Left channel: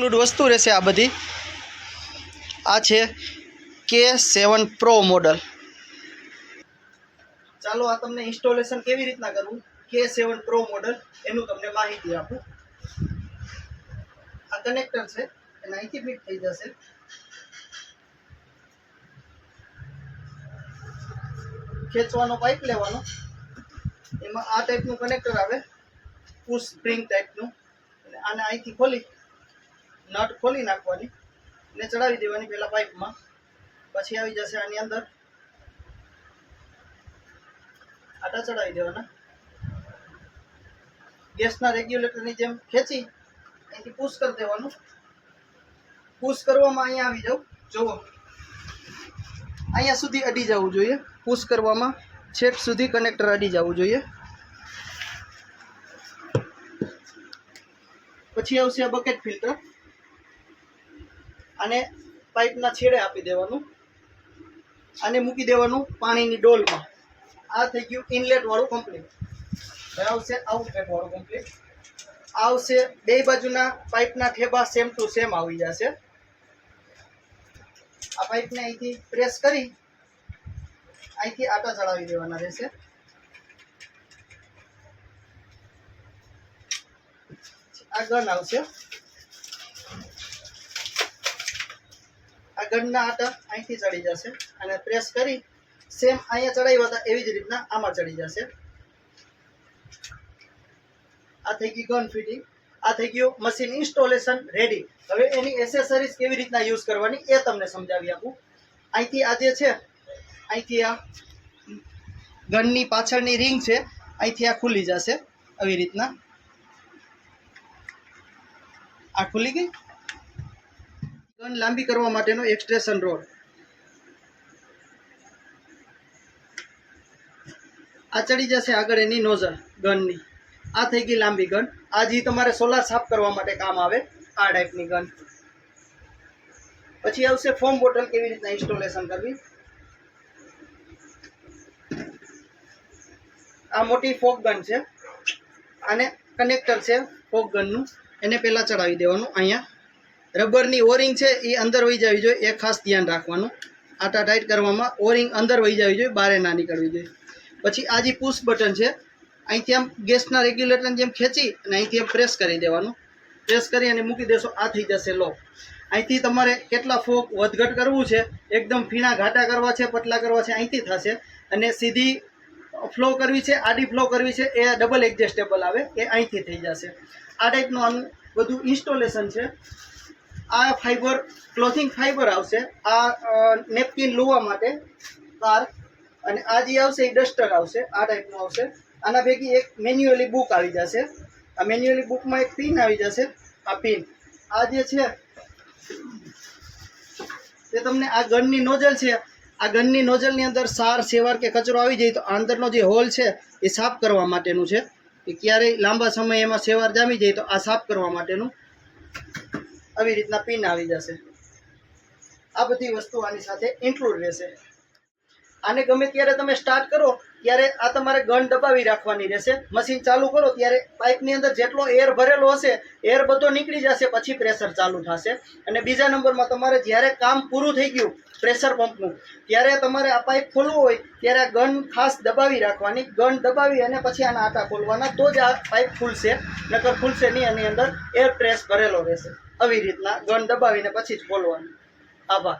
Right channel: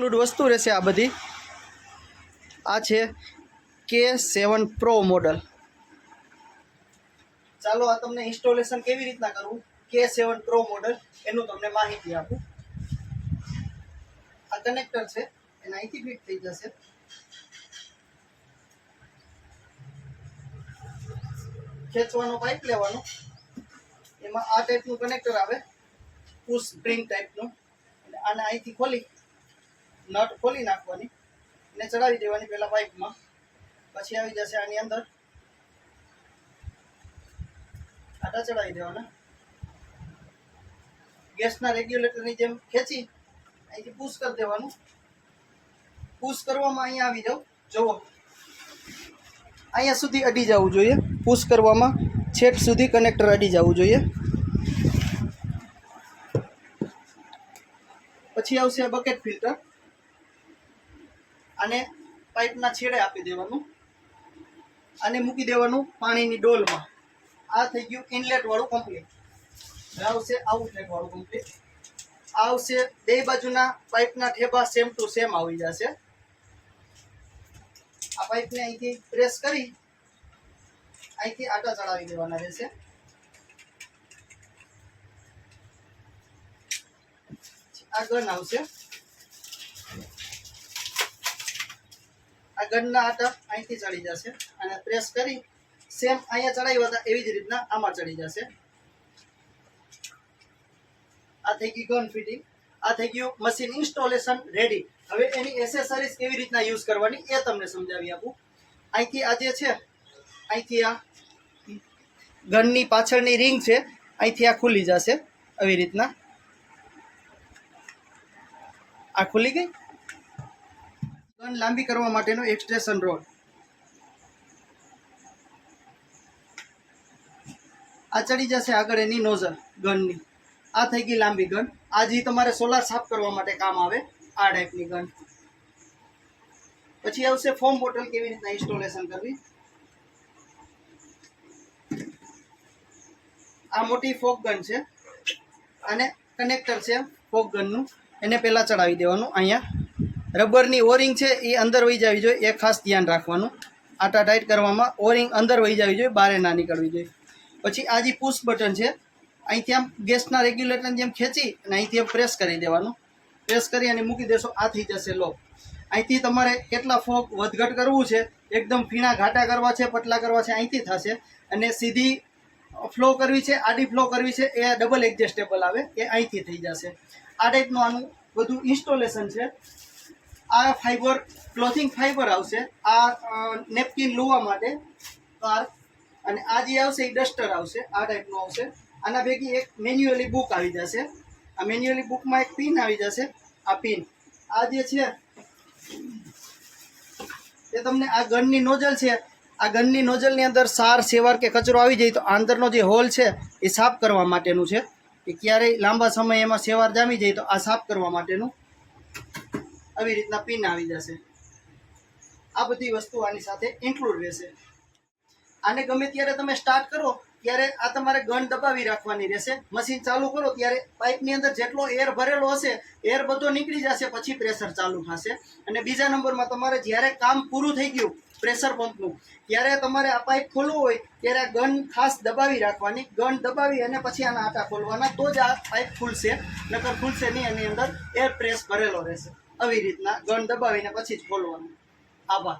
Include વસ્તુ રહેશે આ બધી। આ છે K7 Pro મોડલ। ચાલો આ તમને ઇન્સ્ટોલેશન કેવી રીતના કરવું K7 Pro મોડલ એનું તમને માહિતી આપું। આ કનેક્ટર છે એને અહીંથી ફિટ થઈ જશે। ખેંચવાનો પાઇપ લેવાનો, એમાં આ ટાઈપનું કનેક્ટર આવે પુશ સ્પ્રિંગ ટાઈપનું, એટલે આને અહીંથી ખોલી નટ ખોલી નાખવાની ને ચડાવી દેવાની પહેલાં પાઇપમાં, પછી આવી જશે આની અંદર આટા ચડાવી દેવાના। ગેસના રેગ્યુલેટરની જેમ ખેંચી અહીંથી પુશ કરી દેવાનું। પુશ કરવામાં અહીંયા આવી જાવ, જુઓ અહીંયા સુધી અડી જવું જોઈએ। પુશ કરવામાં છેક સુધી કનેક્ટર અડી જવું જોઈએ। પછી આવશે આ બકેટ ફિલ્ટર, આને પાઇપના છેડે આપી દેવાનું, આને મૂકી દેવાનું પાણીની ડોલમાં। આ થઈ ગયું ઇનલેટ વાળું કમ્પ્લીટ। હવે આવશે આઉટલેટ વાળું કમ્પ્લીટ। આવશે બે બાજુના પાઇપના ઠેબા સેમ ટુ સેમ આવી જશે। આ પાઇપને અહીંથી પ્રેસ કરી અહીંથી આટા ચડાવી દેવાના રહેશે। આ ગન આવશે, આ ગનના આટા અહીંથી ચડી જશે અને પ્રેસ કરી સેમ અહીંયા ચડાવ્યા હતા એવી જ રીતના આમાં ચડી જશે। આ થઈ ગઈ ગન ફિટિંગ, આ થઈ ગયું મશીન ઇન્સ્ટોલેશન રેડી। હવે એની એસેસરીઝ કેવી રીતના યુઝ કરવાની એ તમને સમજાવી આપું। અહીંથી આ જે છે, અહીંથી આ ગનની પાછળની રિંગ છે, અહીંથી આ ખુલી જશે આવી રીતના। આ ખુલી ગઈ। ગન લાંબી કરવા માટેનો એક્સટ્રેશન રોડ, આ ચડી જશે આગળ એની નોઝલ ગનની। આ થઈ ગઈ લાંબી ગન। આ જે તમારે સોલાર સાફ કરવા માટે કામ આવે આ ટાઈપની ગન। પછી આવશે ફોમ બોટલ કેવી રીતના ઇન્સ્ટોલેશન કરવી। આ મોટી ફોક ગન છે, આને કનેક્ટર છે ફોક ગનનું, એને પહેલાં ચડાવી દેવાનું। અહીંયા રબરની ઓરિંગ છે એ અંદર વહી જવી જોઈએ, એ ખાસ ધ્યાન રાખવાનું। આટા ટાઈટ કરવામાં ઓરિંગ અંદર વહી જવી જોઈએ, બહાર ના નીકળવી જોઈએ। પછી આ જે પુશ બટન છે, અહીંથી આમ ગેસના રેગ્યુલેટરની જેમ ખેંચી અને અહીંથી આમ પ્રેસ કરી દેવાનું। પ્રેસ કરી અને મૂકી દેશો, આ થઈ જશે લોક। અહીંથી તમારે કેટલા ફોક વધઘટ કરવું છે, એકદમ ફીણા ઘાટા કરવા છે, પતલા કરવા છે, અહીંથી થશે। અને સીધી ફ્લો કરવી છે, આડી ફ્લો કરવી છે, એ ડબલ એડજસ્ટેબલ આવે, એ અહીંથી થઈ જશે। આ ટાઈપનું આનું બધું ઇન્સ્ટોલેશન છે। આ ફાઈબર ક્લોથિંગ ફાઈબર આવશે, આ નેપકિન લુવા માટે કાર, અને આ જે આવશે એ ડસ્ટર આવશે, આ ટાઈપનું આવશે। આના ભેગી એક મેન્યુઅલી બુક આવી જશે। આ મેન્યુઅલી બુકમાં એક પિન આવી જશે, આ પિન। આ જે છે તે તમને આ ગનની નોઝલ છે, આ ગનની નોઝલની અંદર સાર સેવાર કે કચરો આવી જાય તો અંદરનો જે હોલ છે એ સાફ કરવા માટેનું છે, કે ક્યારેય લાંબા સમય એમાં સેવાર જામી જાય તો આ સાફ કરવા માટેનું આવી રીતના પિન આવી જશે। આ બધી વસ્તુ આની સાથે ઇન્ક્લુડ રહેશે। આને ગમે ત્યારે તમે સ્ટાર્ટ કરો ત્યારે આ તમારે ગન દબાવી રાખવાની રહેશે। મશીન ચાલુ કરો ત્યારે પાઇપની અંદર જેટલો એર ભરેલો હશે એર બધો નીકળી જશે, પછી પ્રેશર ચાલુ થશે। અને બીજા નંબરમાં તમારે જ્યારે કામ પૂરું થઈ ગયું પ્રેશર પંપનું, ત્યારે તમારે આ પાઇપ ખોલવું હોય ત્યારે આ ગન ખાસ દબાવી રાખવાની। ગન દબાવી અને પછી આના આટા ખોલવાના, તો જ આ પાઇપ ખુલશે, નકર ખુલશે નહીં, એની અંદર એર પ્રેસ ભરેલો રહેશે। આવી રીતના ગન દબાવીને પછી જ ખોલવાનું। આભાર।